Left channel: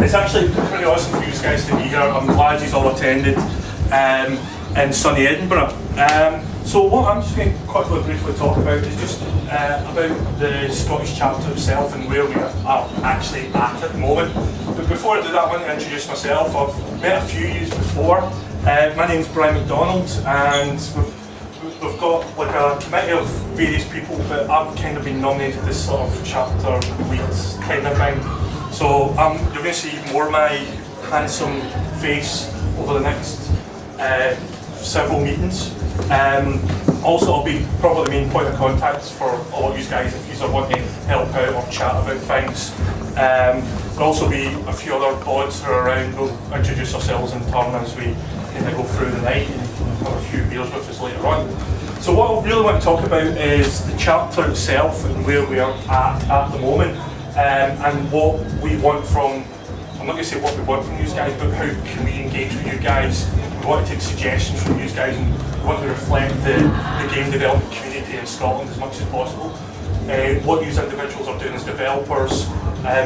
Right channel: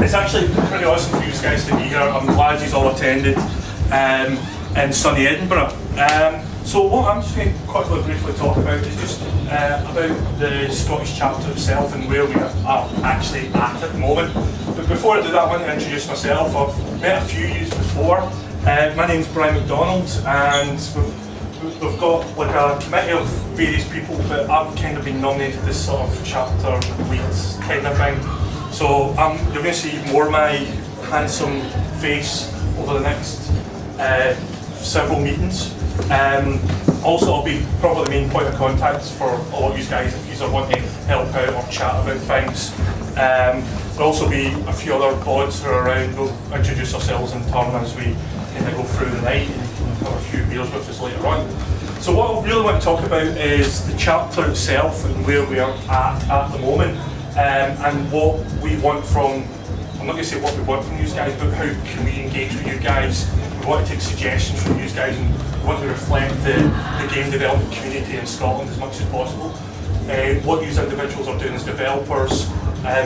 It's actually pretty awesome for you guys to be here. I'm glad you've all attended in sunny Edinburgh. So what I'm just going to quickly briefly talk about is just about the Scottish chapter itself and where we are actually at the moment. But before I do that, I want to introduce myself. I've met a few years before. My name's Brian McDonald, and we've got like a committee of various people, but I've kind of been nominated as sort of chapter lead kind of thing. So you're going to see more of my handsome face over the next several meetings. Also, I'll be probably the main point of contact for a lot of you guys if you want to help out or chat about things. There'll also be a few other pods who are around. We'll introduce ourselves in turn as we kind of go through the night and have a few beers with us later on. So what I really want to talk about is the chapter itself and where we are at the moment, and what we want from, I'm not going to say what we want from you guys, but how can we engage with you guys. We want to take suggestions from you guys, and we want to reflect the game development community in Scotland as much as possible. What you individuals are doing as developers,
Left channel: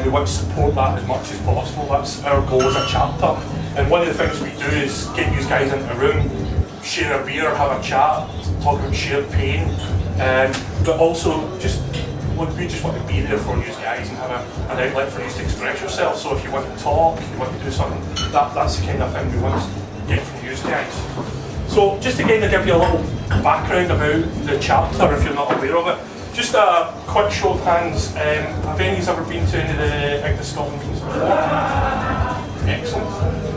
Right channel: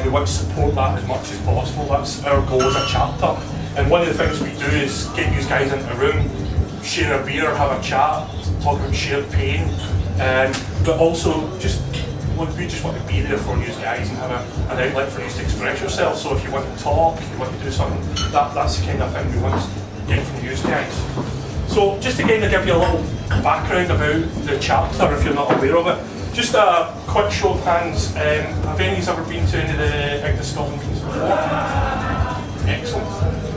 we want to support that as much as possible. That's our goal as a chapter. And one of the things we do is get you guys into a room, share a beer, have a chat, talk about shared pain, but also we just want to be there for you guys and have an outlet for you to express yourself. So if you want to talk, you want to do something, that's the kind of thing we want to get from you guys. So just to kind of give you a little background about the chapter, if you're not aware of it, just a quick show of hands. Have any of you ever been to any of the IGDA Scotland meetings before? Excellent.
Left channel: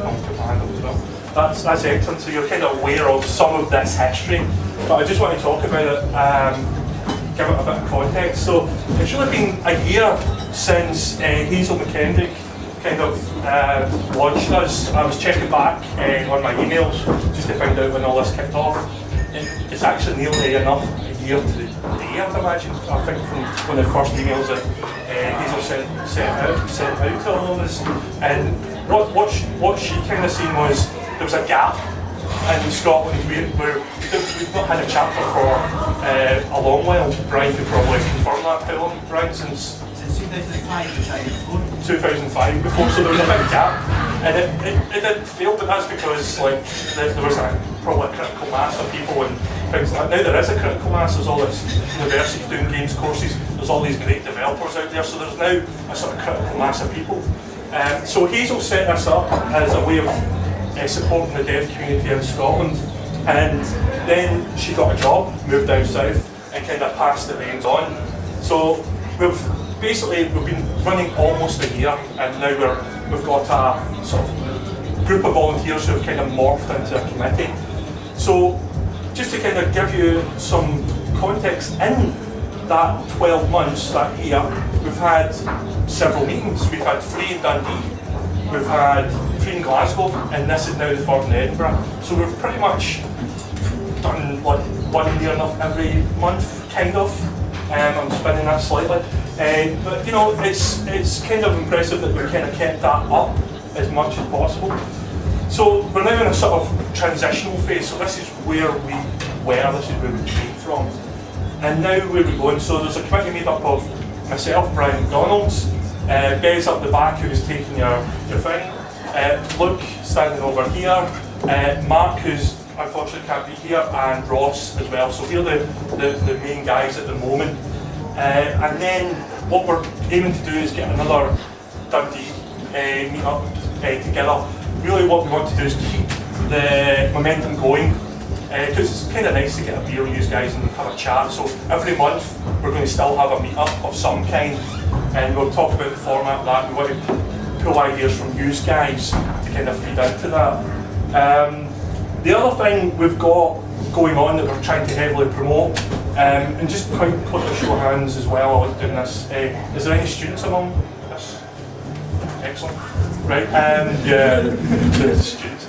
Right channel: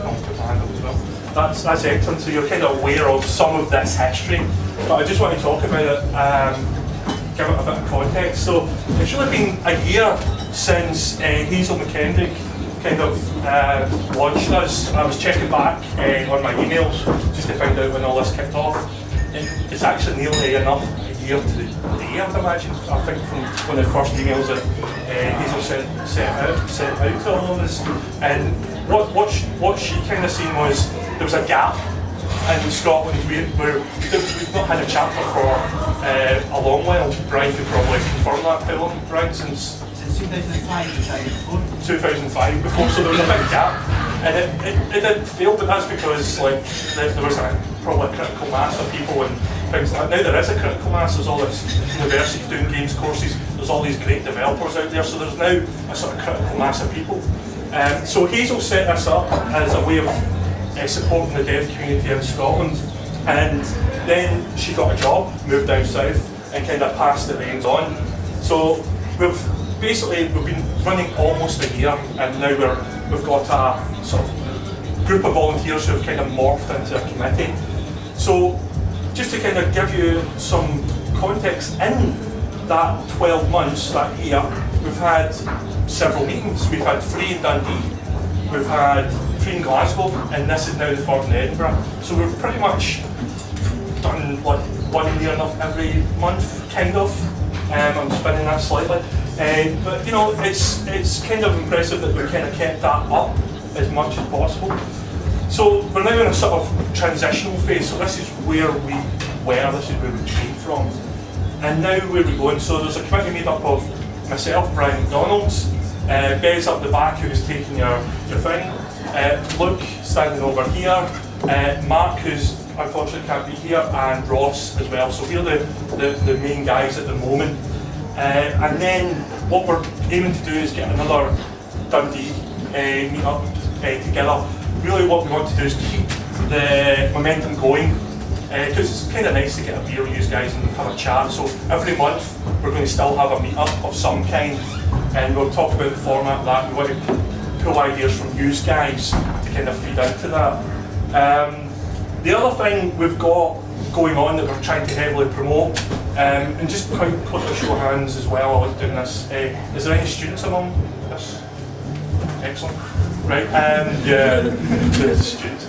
I'll put my hand up as well. That's excellent. So you're kind of aware of some of this history, but I just want to talk about it, give it a bit of context. So it's really been a year since Hazel McKendrick kind of launched us. I was checking back on my emails just to find out when all this kicked off. It's actually nearly enough a year to the day, I'd imagine. I think from one of the first emails that Hazel sent out to all of us. And what she kind of seen was there was a gap in Scotland where we've not had a chapter for a long while. Brian could probably confirm that. How long, Brian? Since 2005, 2005 before, so there was a big gap, and it did fail, but that's because like there was probably a critical mass of people and things like that. Now there is a critical mass. There's all this universities doing games courses. There's all these great developers out there, so there's now a sort of critical mass of people. So Hazel set this up as a way of supporting the dev community in Scotland, and then she got a job, moved down south, and kind of passed the reins on. So we've been running almost a year, and now we've got a sort of group of volunteers who have kind of morphed into a committee. So just to kind of give you some context, in that 12 months, that year, we've had several meetings. We've had 3 in Dundee, we've had 3 in Glasgow, and this is now the 3rd in Edinburgh. So we've pretty much done like one near enough every month, kind of. I'm spinning that slightly. But you know, it's kind of impressive that we kind of kept that up as much as possible. So we're now in a sort of transitional phase. So this is where we were, this is where we came from. And now where we're going. So there's a committee made up of myself, Brian McDonald, Bez up the back who is taking your thing, Luke standing over here, Mark who's unfortunately can't be here, and Ross as well. So we're the main guys at the moment. And then what we're aiming to do is get another Dundee meet up together. Really what we want to do is keep the momentum going, because it's kind of nice to get a beer with you guys and have a chat. So every month we're going to still have a meet up of some kind, and we'll talk about the format of that. We want to pull ideas from you guys to kind of feed into that. The other thing we've got going on that we're trying to heavily promote, and just quite quick a show of hands as well while I was doing this, is there any students among this? Excellent. Right, yeah, there's a student.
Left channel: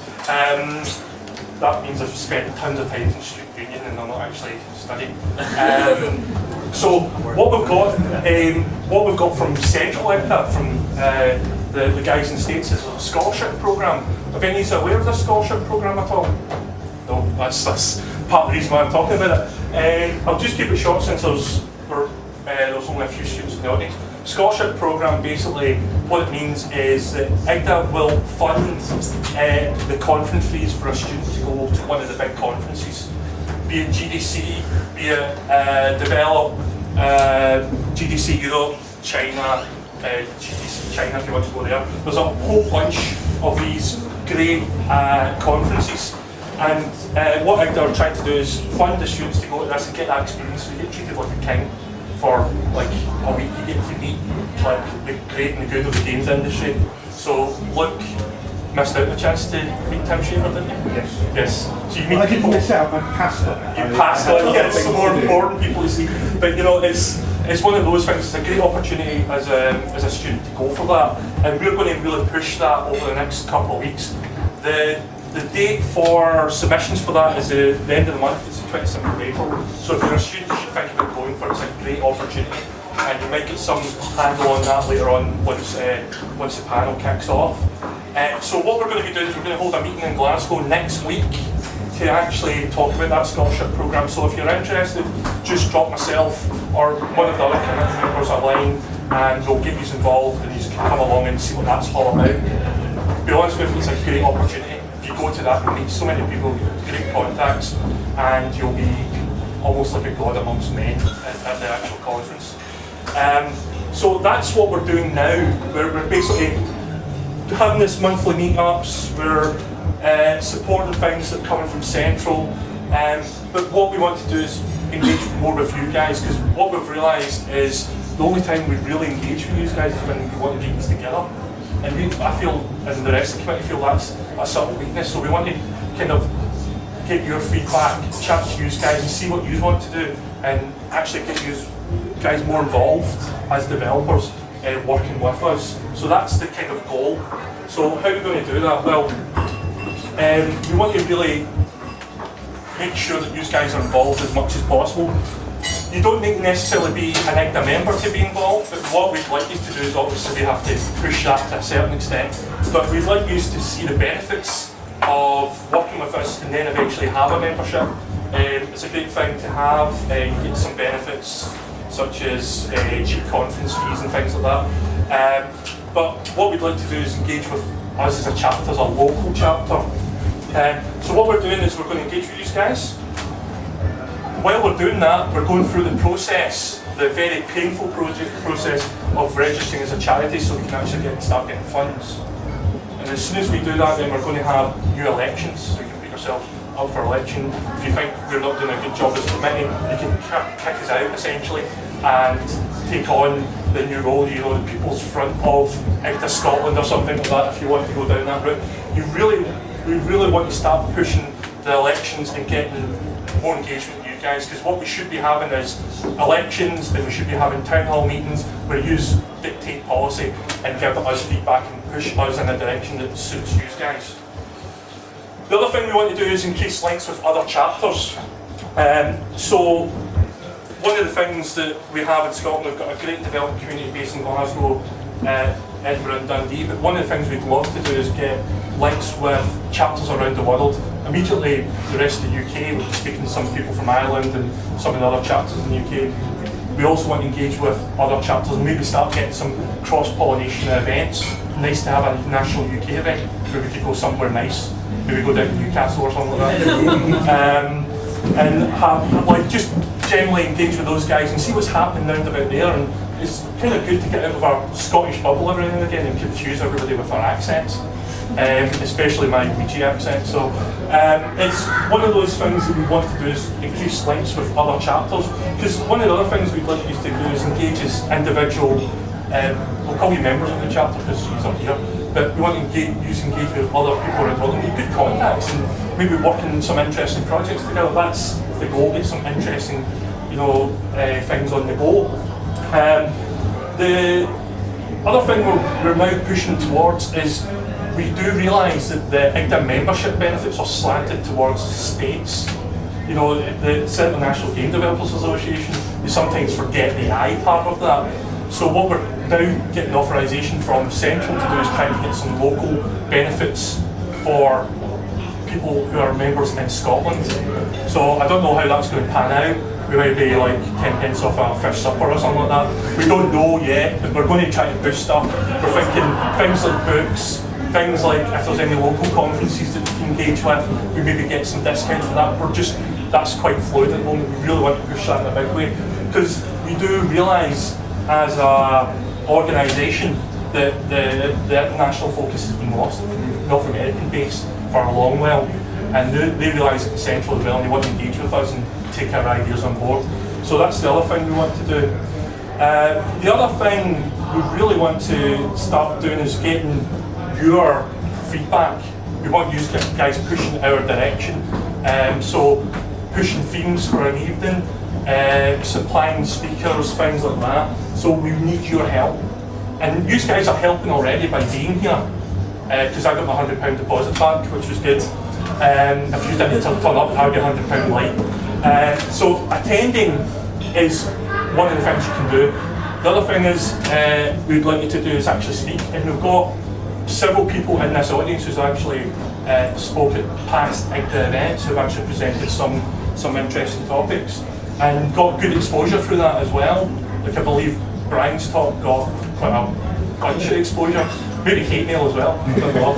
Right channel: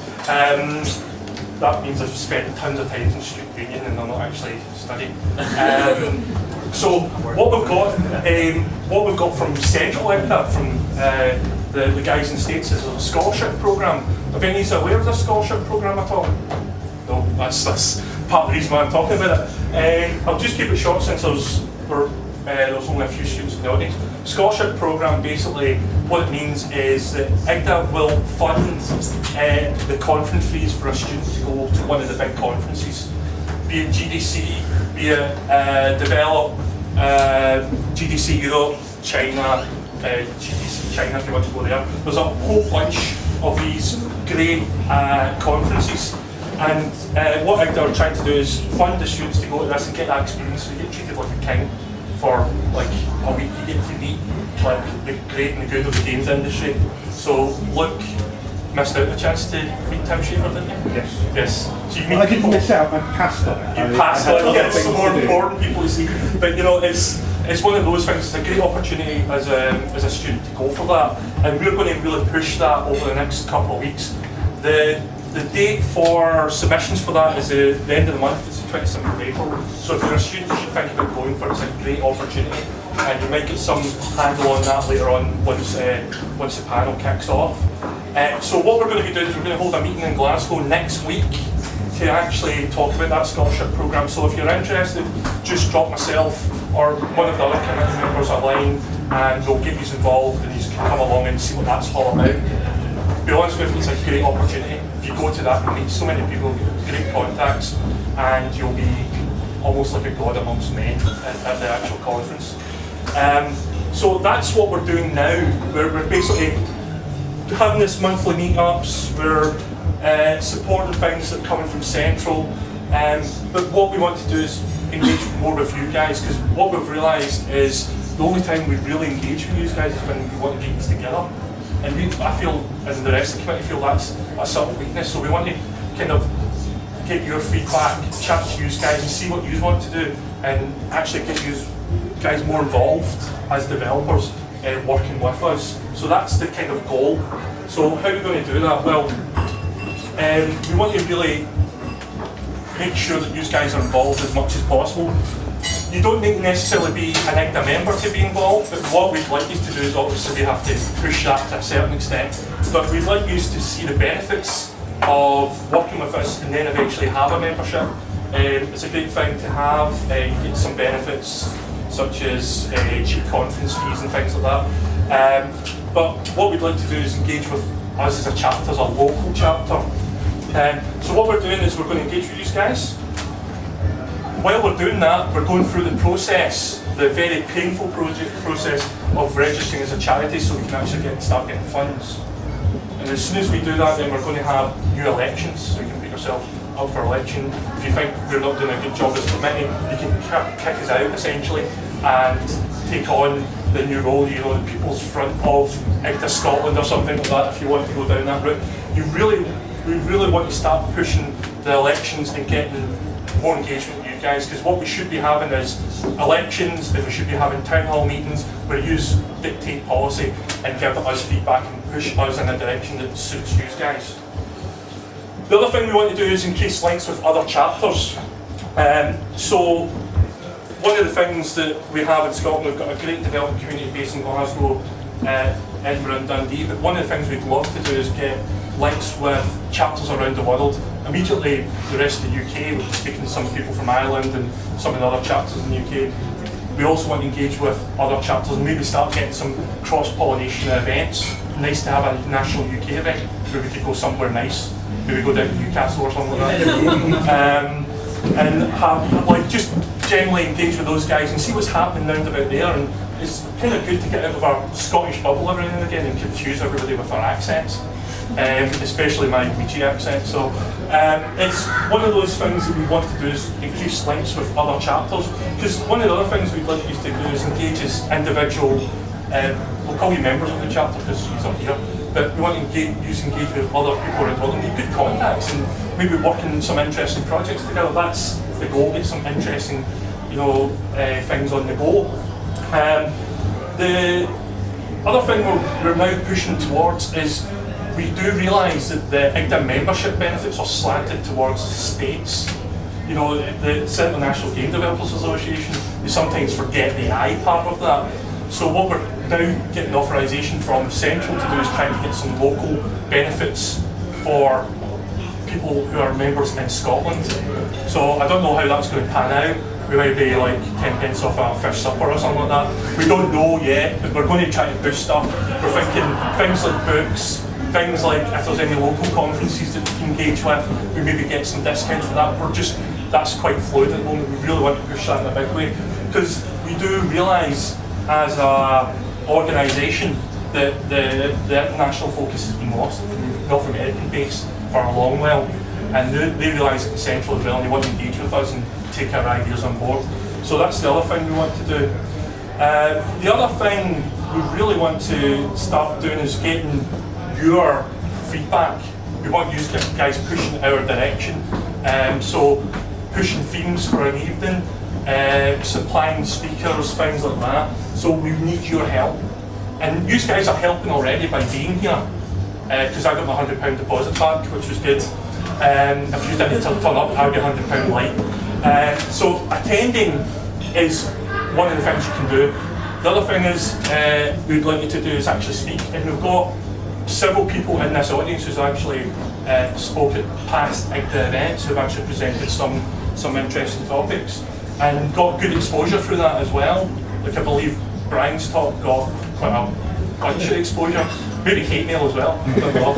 That means I've spent tons of time in student union and I'm not actually studying. So what we've got from Central IGDA, from the guys in the States, is a scholarship programme. Are any of you aware of this scholarship programme at all? No, that's part of the reason why I'm talking about it. I'll just keep it short since there's only a few students in the audience. scholarship programme, basically what it means is that IGDA will fund the conference fees for a student to go to one of the big conferences, be it GDC, be it Develop, GDC Europe, China, GDC China if you want to go there. There's a whole bunch of these great conferences, and what IGDA are trying to do is fund the students to go to this and get that experience. So you get treated like a king for like a week. You get to meet like the great and the good of the games industry. So Luke missed out the chance to meet Tim Schafer, didn't you? Yes. Yes. So you meet I didn't miss out, I passed on. You passed on, yeah, it's the more important people to see. But you know, it's one of those things, it's a great opportunity as a student to go for that. And we're going to really push that over the next couple of weeks. The date for submissions for that is the end of the month, it's the 27th of April. So if you're a student, you should think about going for it. It's a great opportunity. And you might get some handle on that later on once the panel kicks off. So what we're going to be doing is we're going to hold a meeting in Glasgow next week to actually talk about that scholarship programme. So if you're interested, just drop myself or one of the other committee members a line and we'll get you involved and you can come along and see what that's all about. To be honest with you, it's a great opportunity. If you go to that, you'll meet so many people, great contacts, and you'll be almost like a god amongst men at the actual conference. So that's what we're doing now. We're basically having this monthly meetups, we're supporting things that are coming from Central, but what we want to do is engage more with you guys, because what we've realised is the only time we really engage with you guys is when we want to get this together. And I feel, and the rest of the committee feel, that's a subtle weakness, so we want to kind of get your feedback, chat to you guys and see what you want to do, and actually get you guys more involved as developers working with us. So that's the kind of goal. So how are we going to do that? Well, we want to really make sure that you guys are involved as much as possible. You don't need to necessarily be an IGDA member to be involved, but what we'd like you to do is obviously we have to push that to a certain extent, but we'd like you to see the benefits of working with us and then eventually have a membership. It's a great thing to have. You get some benefits such as cheap conference fees and things like that. But what we'd like to do is engage with us as a chapter, as a local chapter. So what we're doing is we're going to engage with you guys. While we're doing that, we're going through the process, the very painful process of registering as a charity so we can actually start getting funds. And as soon as we do that, then we're going to have new elections, so you can put yourself up for election. If you think we're not doing a good job as a committee, you can kick us out essentially and take on the new role, you know, the People's Front of IGDA Scotland or something like that if you want to go down that route. We really want to start pushing the elections and getting more engagement with you guys, because what we should be having is elections, and we should be having town hall meetings where you dictate policy and give us feedback and push us in a direction that suits you guys. The other thing we want to do is increase links with other chapters. So one of the things that we have in Scotland, we've got a great development community based in Glasgow, Edinburgh and Dundee, but one of the things we'd love to do is get links with chapters around the world. Immediately the rest of the UK, we're speaking to some people from Ireland and some of the other chapters in the UK. We also want to engage with other chapters and maybe start getting some cross-pollination events. Nice to have a national UK event where we could go somewhere nice. Maybe go down to Newcastle or something like that. And have, like, just generally engage with those guys and see what's happening round about there. And it's kind of good to get out of our Scottish bubble every now and again and confuse everybody with our accents. Especially my Ouija accent. So it's one of those things that we want to do is increase links with other chapters, because one of the other things we'd like you to do is engage as individual, we'll call you members of the chapter because you're here, but we want to engage with other people around the world and make good contacts and maybe work in some interesting projects together. That's the goal, get some interesting, you know, things on the go. The other thing we're now pushing towards is we do realise that the IGDA membership benefits are slanted towards states. You know, the Central National Game Developers Association, they sometimes forget the I part of that. So what we're now getting authorisation from Central to do is try to get some local benefits for people who are members in Scotland. So I don't know how that's going to pan out. we might be like 10 pence off a fish supper or something like that. We don't know yet, but we're going to try to push stuff. We're thinking things like books, things like if there's any local conferences that we can engage with, we maybe get some discount for that. That's quite fluid at the moment. We really want to push that in a big way, because we do realise as an organisation that the international focus has been lost in the North American base for a long while, and they realise it's essential as well, and they want to engage with us and take our ideas on board. So that's the other thing we want to do. The other thing we really want to start doing is getting your feedback. We want you guys pushing our direction. So pushing themes for an evening, supplying speakers, things like that. So we need your help. And you guys are helping already by being here, because I got my £100 deposit back, which was good. If you didn't turn up, I would be £100 light. So attending is one of the things you can do. The other thing is we'd like you to do is actually speak, and we've got several people in this audience who's actually spoke at past IGDA events, who've actually presented some interesting topics and got good exposure through that as well. Like I believe Brian's talk got quite a bunch of exposure, maybe hate mail as well. I don't know.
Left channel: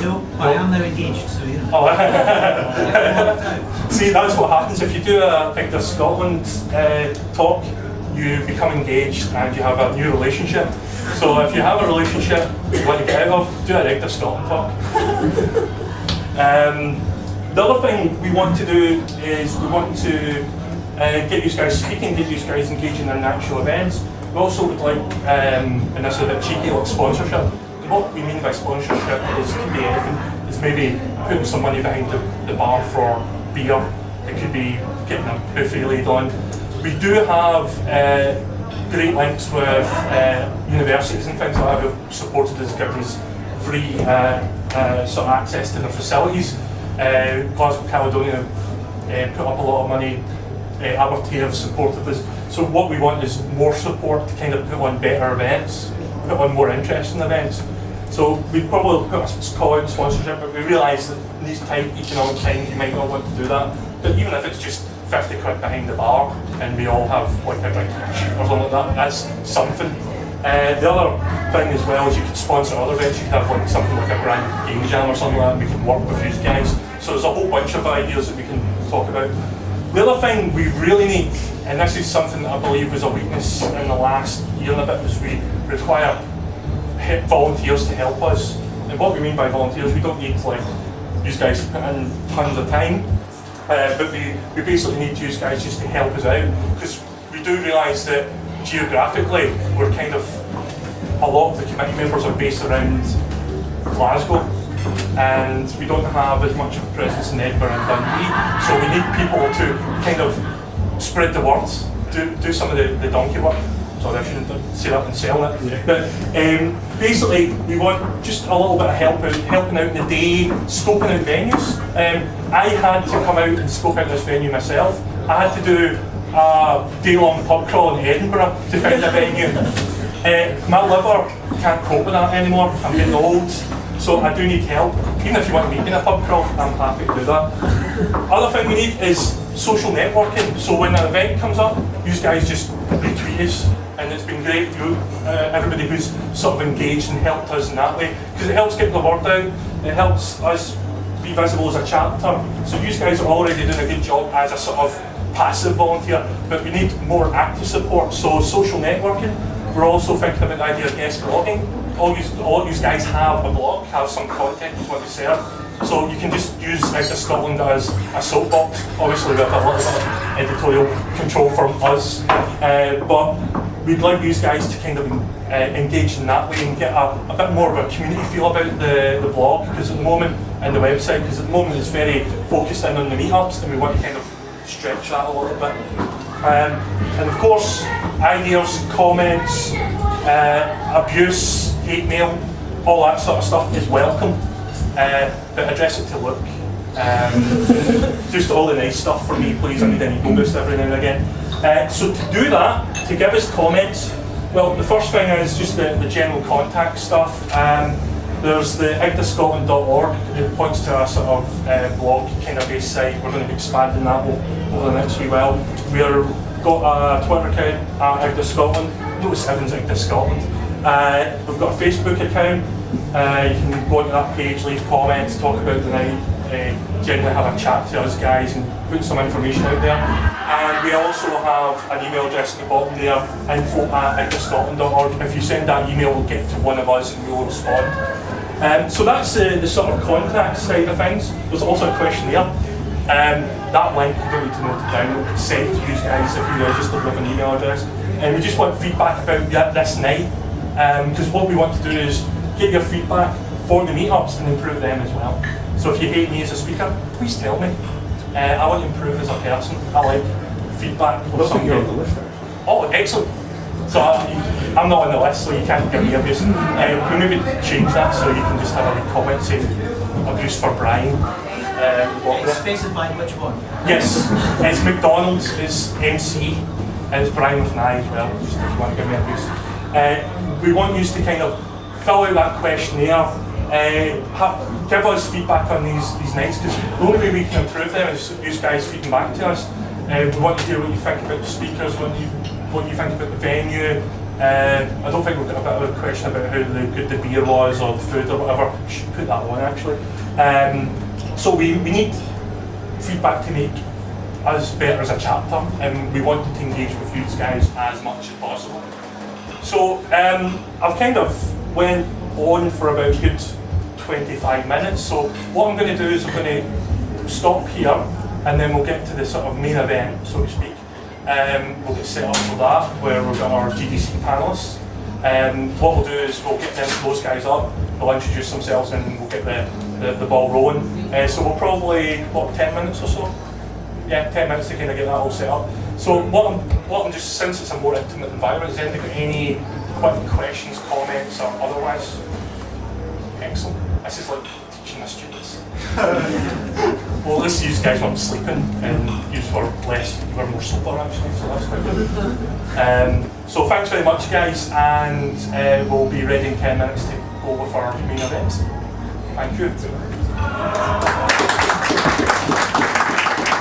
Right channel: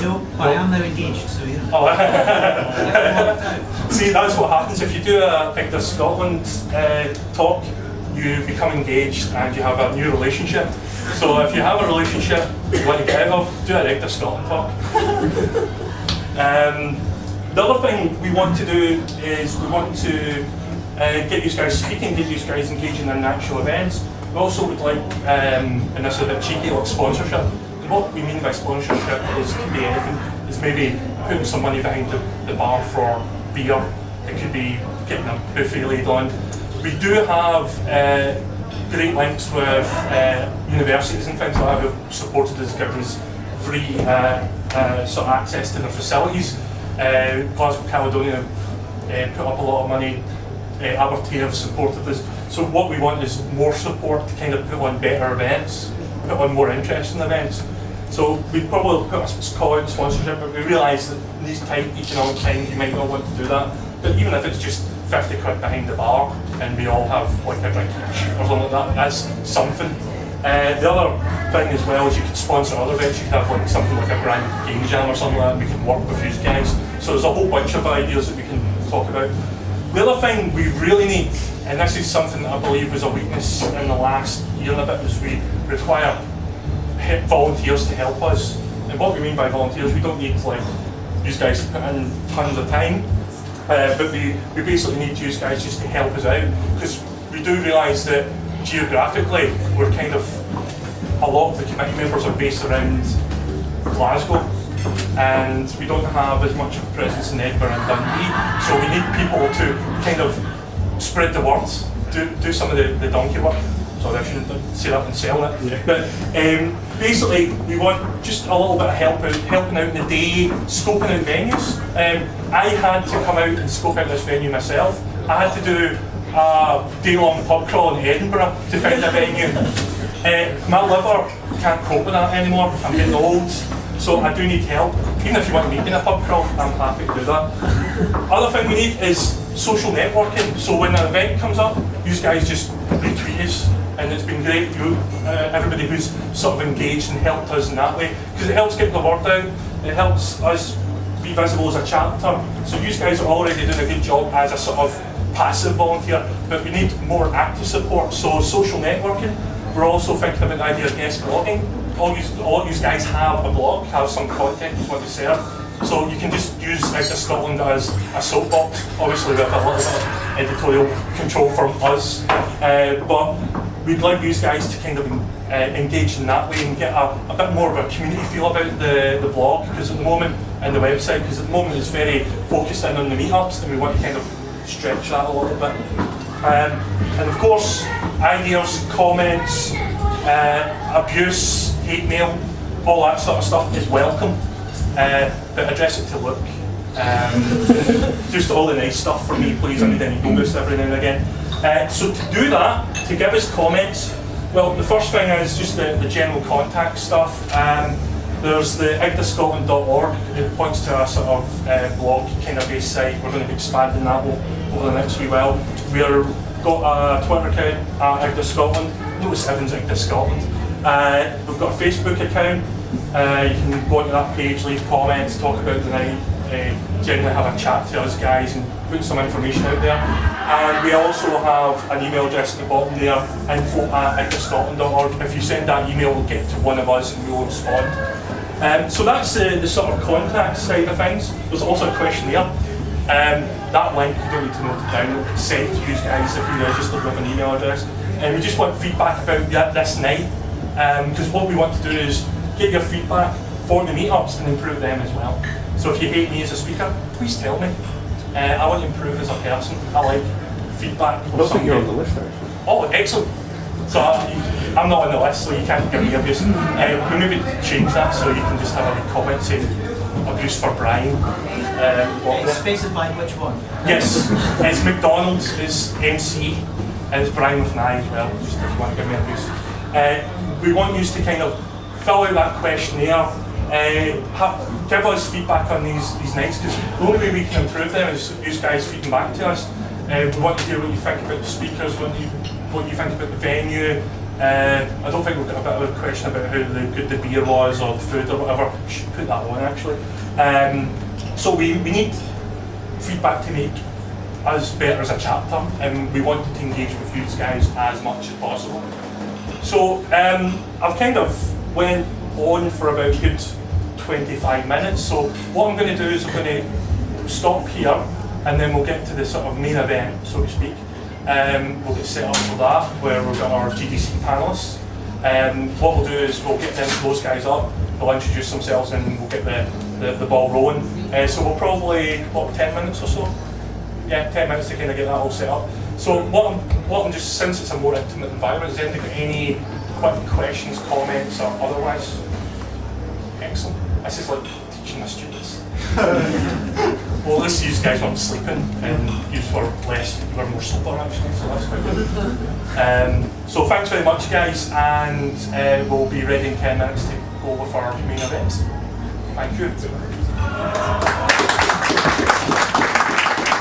No, I am now engaged, so yeah. Oh. See, that's what happens if you do a IGDA Scotland talk. You become engaged and you have a new relationship. So if you have a relationship you want to get out of, do a IGDA Scotland talk. The other thing we want to do is we want to get you guys speaking, get you guys engaging in actual events. We also would like, and this is a bit cheeky, like sponsorship. And what we mean by sponsorship is could be anything. It's maybe putting some money behind the bar for beer. It could be getting a buffet laid on. We do have great links with universities and things like that who've supported us, given us free sort of access to their facilities. Glasgow Caledonia put up a lot of money. Aberdeen have supported us. So what we want is more support to kind of put on better events, put on more interesting events. So we probably put a call out sponsorship, but we realise that in these tight economic times you might not want to do that. But even if it's just 50 quid behind the bar and we all have like a drink each or something like that, that's something. The other thing as well is you could sponsor other events. You could have like something like a grand game jam or something like that, and we can work with you guys. So there's a whole bunch of ideas that we can talk about. The other thing we really need, and this is something that I believe was a weakness in the last year and a bit, is we require volunteers to help us. And what we mean by volunteers, we don't need like you guys to put in tons of time, but we basically need you guys just to help us out, because we do realise that geographically we're kind of, a lot of the committee members are based around Glasgow, and we don't have as much of a presence in Edinburgh and Dundee, so we need people to kind of spread the word, do some of the donkey work. Sorry, I shouldn't say that and sell it. Yeah. But basically, we want just a little bit of helping out in the day, scoping out venues. I had to come out and scope out this venue myself. I had to do a day-long pub crawl in Edinburgh to find a venue. My liver can't cope with that anymore. I'm getting old, so I do need help. Even if you want me in a pub crawl, I'm happy to do that. Other thing we need is social networking. So when an event comes up, you guys just retweet us. And it's been great, everybody who's sort of engaged and helped us in that way, because it helps get the word out, it helps us be visible as a chapter. So you guys are already doing a good job as a sort of passive volunteer, but we need more active support. So social networking, we're also thinking about the idea of guest blogging. All you guys have a blog, have some content you want to share. So you can just use IGDA Scotland as a soapbox, obviously with a little bit of editorial control from us, but we'd like you guys to kind of engage in that way and get a bit more of a community feel about the blog, because at the moment, and the website, because at the moment it's very focused in on the meetups, and we want to kind of stretch that a little bit. And of course, ideas, comments, abuse, hate mail, all that sort of stuff is welcome, but address it to Luke. Just all the nice stuff for me, please. I need any bonus every now and again. So to do that, to give us comments, well, the first thing is just the general contact stuff. There's the igdascotland.org. It points to a sort of blog kind of base site. We're going to be expanding that over the next wee while. We've got a Twitter account at IGDA Scotland. Notice everyone's IGDA Scotland. We've got a Facebook account. You can go onto that page, leave comments, talk about the night, generally have a chat to us guys and put some information out there. And we also have an email address at the bottom there, info@igdascotland.org. If you send that email, we'll get to one of us and we'll respond. So that's the sort of contact side of things. There's also a questionnaire. That link, you don't need to note it down, it'll be sent to you guys if you register with an email address. And we just want feedback about this night, because what we want to do is get your feedback for the meetups and improve them as well. So if you hate me as a speaker, please tell me. I want to improve as a person. I like feedback. I don't think you're on the list actually. Oh, excellent. So I'm not on the list, so you can't give me abuse. We maybe change that so you can just have a wee comment saying abuse for Brian. Specify which one? Yes, it's McDonald is MC, and it's Brian with an I as well, just if you want to give me abuse. We want you to kind of fill out that questionnaire, give us feedback on these nights, because the only way we can improve them is you guys feeding back to us. We want to hear what you think about the speakers, what you think about the venue. I don't think we've got a bit of a question about how good the beer was or the food or whatever. We should put that on actually. So we need feedback to make us better as a chapter, and we want to engage with you guys as much as possible. So I've kind of went on for about a good 25 minutes. So what I'm going to do is I'm going to stop here, and then we'll get to the sort of main event, so to speak. We'll get set up for that, where we've got our GDC panellists. What we'll do is we'll get those guys up, they'll introduce themselves, and we'll get the ball rolling. So we'll probably, what, 10 minutes or so? Yeah, 10 minutes to kind of get that all set up. So what I'm just, since it's a more intimate environment, has anybody got any quick questions, comments, or otherwise? Excellent. This is like teaching the students. Well, at least you guys weren't sleeping, and you were more sober actually, so that's quite good. So thanks very much guys, and we'll be ready in 10 minutes to go with our main event. Thank you.